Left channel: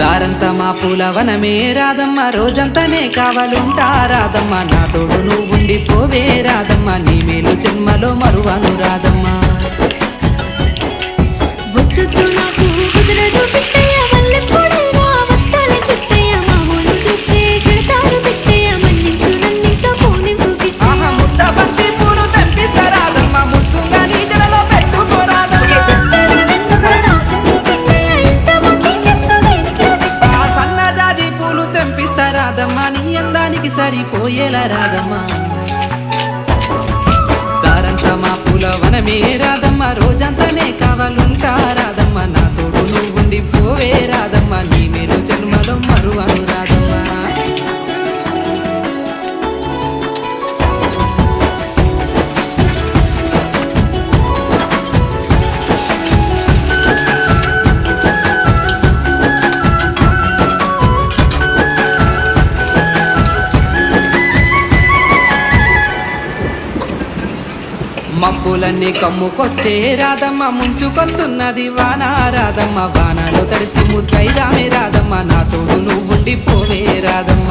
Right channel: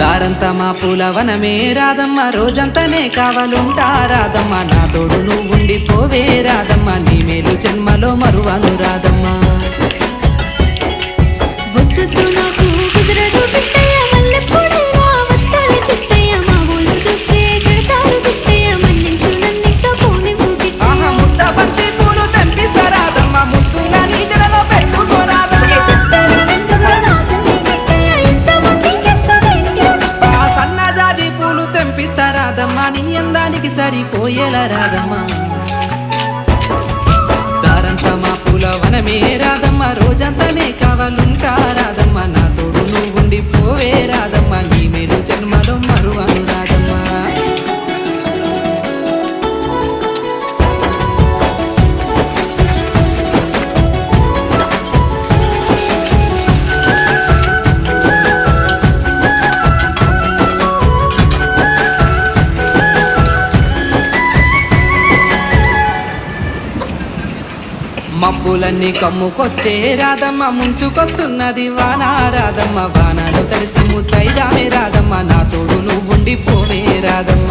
దారంతా మా పూలవనమే రాదమ్మ, రోజంతానే కావాలుంటా రాదమ్మ, నా తోడు నువ్వుండి పోవే రాదమ్మ, నీ మేలు జన్మలో మరువను రాదమ్మ. వద్దు నాకు కుదరదు పిట్టయ్య, మల్లెప్పుడైనా వస్తాలే పిట్టయ్య, మా ఊళ్ళు చూస్తే కడతారు పిట్టయ్య, మన్నించు నన్నింకా పోనివ్వు గిట్టయ్య. ఆహా ముద్ద బంతి పూలు తెంపిస్తా రాదమ్మ, ముద్దుగా నీ జడలో పెట్టుకోరాదమ్మ. సన్నజాజి పూలు తెంపిస్తా రాదమ్మ, నీ అందానికి సరిపోయేలా రాదమ్మ. దారంతా మా పూలవనమే రాదమ్మ, రోజంతానే కావాలుంటా రాదమ్మ, నా తోడు నువ్వుండి పోవే రాదమ్మ, నీ మేలు జన్మలో మరువను రాదమ్మ. మబ్బులన్నీ కమ్ముకొచ్చే రాదమ్మ, ముంచుకొస్తున్నది వాన రాదమ్మ, వానలో తడిసి ముద్దైదామే రాదమ్మ, నా తోడు నువ్వుండి పోవే రాదమ్మ.